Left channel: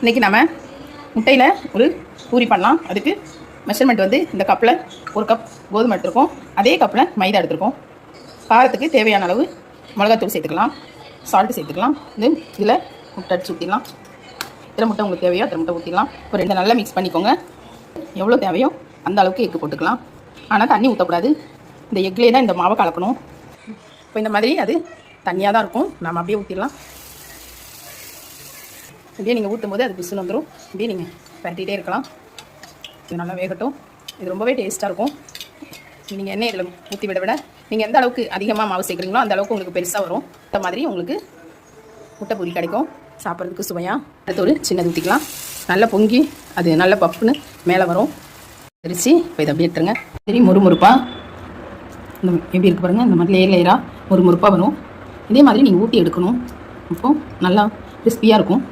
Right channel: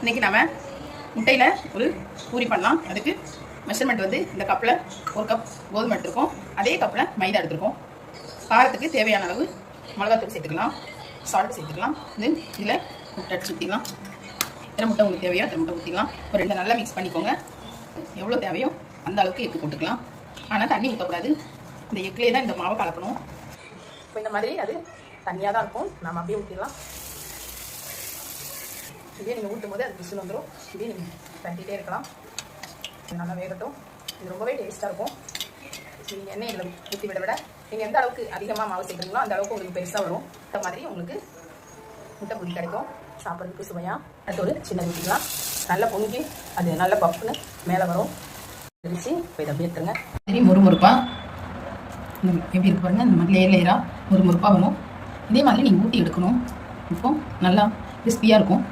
இன்றைக்கி நம்ம முட்டையில் ஒரு பூரி பண்ணலாம். அதுக்கு மெஷர்மெண்ட் வந்து இந்த கப்பில் 1 கப் கோதுமை எடுத்துருக்கோம், அதே கப்பில் மைதா எடுத்துருக்கோம். காரத்துக்கு தேவையான அளவு மிளகாத்தூள் சேர்த்துக்கலாம், சால்ட்டு சேர்த்துக்கலாம். இதில் முட்டை அடிச்சு ஊற்றிடலாம். எத்தனை முட்டை உங்களுக்கு தேவையோ அத்தனை முட்டை ஊற்றிடலாம். ஒரு 2 நல்லா மிக்ஸ் பண்ணிக்கோங்க. எவ்வளோ தேவையோ அந்த அளவுக்கு எக்கு போட்டுக்கலாம். ஆனால் தண்ணி ஊற்றக்கூடாது, இந்த எக்லேயே தான் இந்த மாவை கலக்கணும். இப்போ இந்த மாதிரி அது தண்ணியாக தான் இருக்கும், நம்ம அப்படியே ஊற்றிடலாம். இப்படியே நீங்கள் ஊற்றும் போது அது பிசுன்னு வந்துடும். இப்படியே நீங்கள் பரட்டிகிட்டே இருக்கலாம். இது நல்லா வேகட்டும். இது ரொம்பவே டேஸ்ட்டாக இருக்கும். நீங்கள் எண்ணெய் இதில் ஊற்றி விட நீங்கள் எந்த அளவுக்கு அதிகமாக மாவு சேர்க்குறீங்களோ அந்த அளவுக்கு உங்களுக்கு பெருசாக வரும். இந்த மாதிரி உங்களுக்கு முட்டை பூரி கிடைக்கும், சாப்பிட்றதுக்கு சுவையாக. அடுத்து ஒரு சின்னது ஊற்றிக்கலாம். நல்லா பொங்கி அது நல்ல பப்புன்னு மேலே வரும். தெரிச்சு இப்போ இதை அப்படியே எடுத்துருங்க. சரி, முறுமுறுப்பாக இந்த எப்படி இருக்கு பாருங்கள், இந்த மாதிரி லேயராக முறுமுறுப்பாக வரும். இதே மாதிரி நீங்கள் ஊற்றி எடுக்கணும். அப்போ நல்லா கிறிஸ்பியாக இருக்கும்.